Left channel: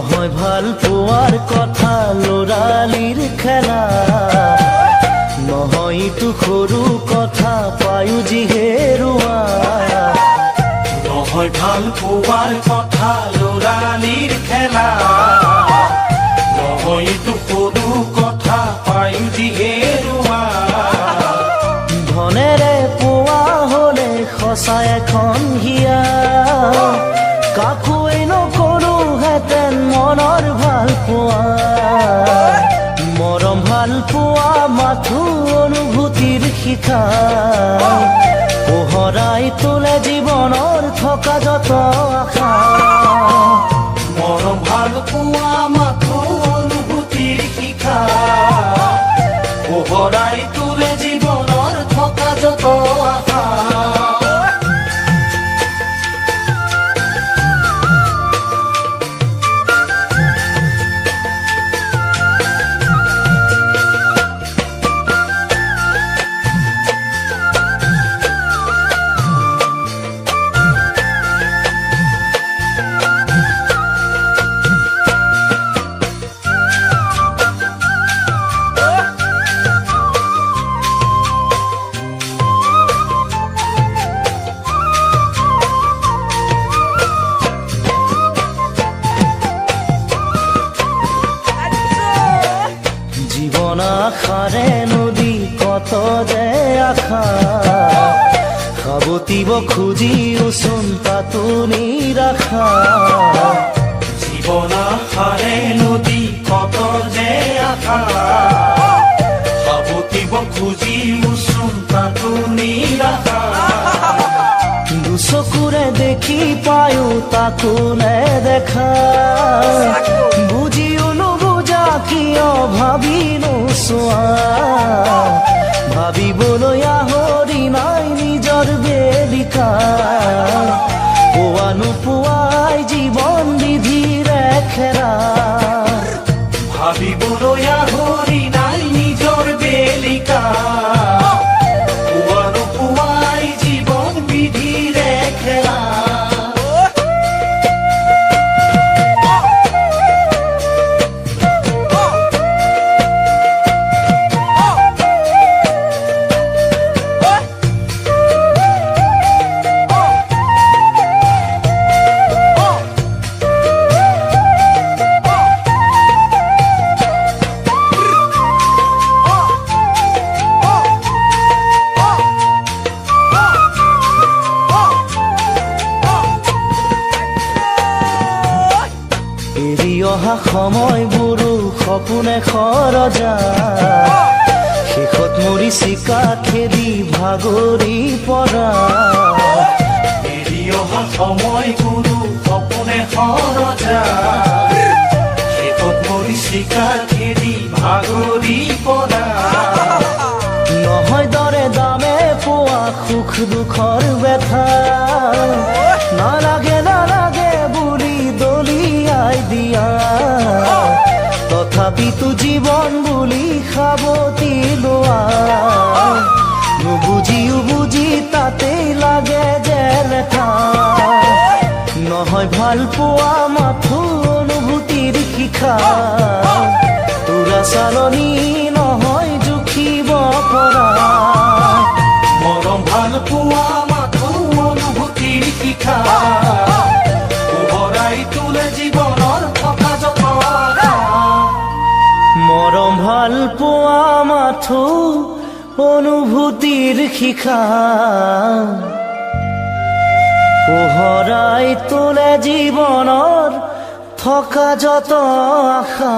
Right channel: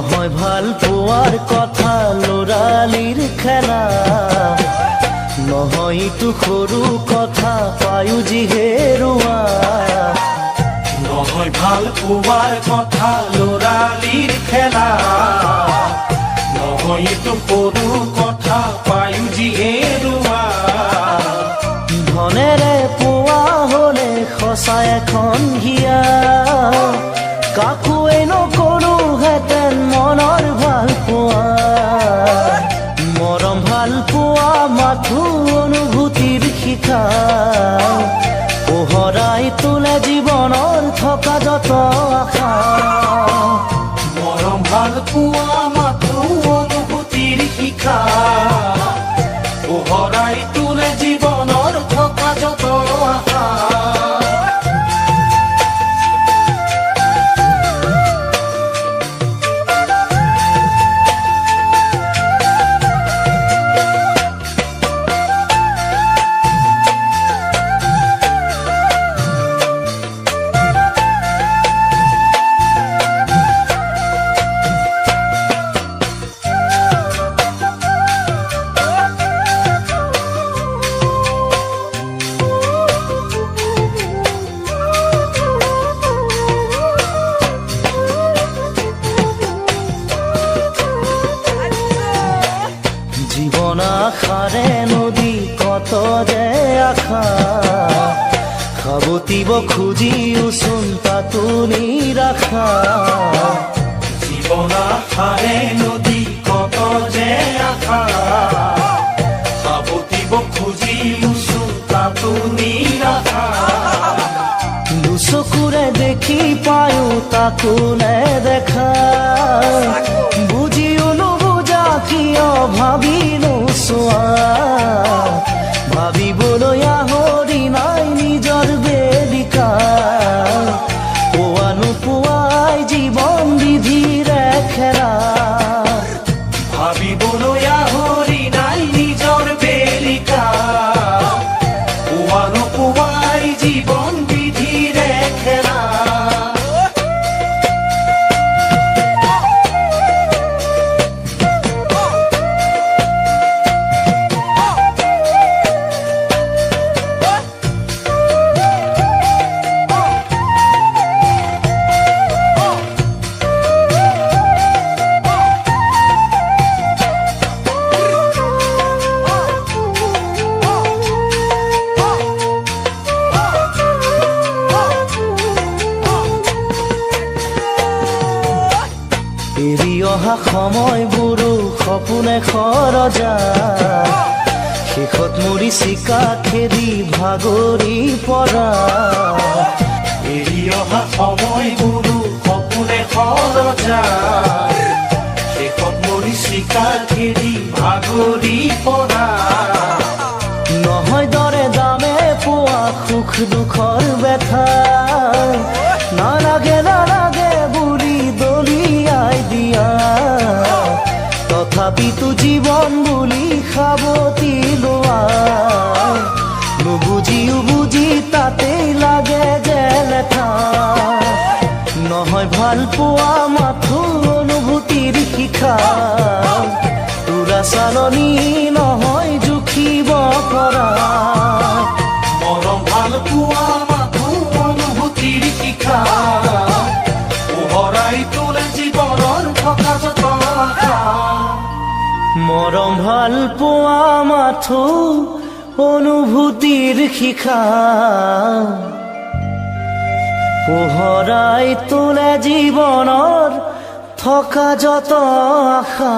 নহয় ভাল পোৱাৰ কথা ল'ৰালিৰ খেলা নহয় ইটো সৰু কথা পায়ো যি হেৰুৱা নহয় ভাল পোৱাৰ কথা ল'ৰালিৰ খেলা নহয় ইটো সৰু কথা পায়ো যি হেৰুৱা ধনেৰে পোৱা হ'লে সঁচা এখন হিয়া কাকোৱে নকৰোহেঁতেন মনৰ ভাল পোৱা মৰম ভাল পোৱা মাথো অনুভূতিৰ শিখা পোহৰাই তোলে জীৱনৰ থকা যত আশা মৰম ভাল পোৱা মাথো অনুভূতিৰ শিখা পোহৰাই তোলে জীৱনৰ থকা যত আশা জীৱন আশাৰে নদী কত যে আশা সাবতিব খুজিওচোন তাতো নিৰাশা জীৱন আশাৰে নদী কত যে আশা সাবতিব খুজিওচোন তাতো নিৰাশা দুচকুৰে দেখি পায়ো তাকো নেদেখা বুজিও নুবুজা কিয় ভাবি নোচোৱা ভাবিবলৈ আহৰি নাই নিজৰ বেদিকা পোৱা নোপোৱাই জীৱন বিধিৰে খেৰা ভাবিবলৈ আহৰি নাই নিজৰ বেদিকা পোৱা নোপোৱাই জীৱন বিধিৰে খেৰা এৰি অহা সময়বোৰো সপোনে খৰজা শেষত মৰি চিকা খেদি ভাগৰি পৰা এৰি অহা সময়বোৰো সপোনে খৰজা শেষত মৰি চিকা খেদি ভাগৰি পৰা নহয় দৰে দামে পোৱা সুখ দুখৰ ব্যথা নালাগে নালাগে বুলি দলিয়াই দিয়া তথাপিতো জীৱন বুলি সাবতি লোৱা নুবুজিও বুজি তাতেই লাগে যে লেঠা নহয় ভাল পোৱা মাথো অনুভূতিৰ শিখা তোৰা চালনি নহয় জুখিব পৰা মৰম ভাল পোৱা মাথো অনুভূতিৰ শিখা পোহৰাই তোলে জীৱনৰ থকা যত আশা মৰম ভাল পোৱা মাথো অনুভূতিৰ শিখা পোহৰাই তোলে জীৱনৰ থকা যত আশা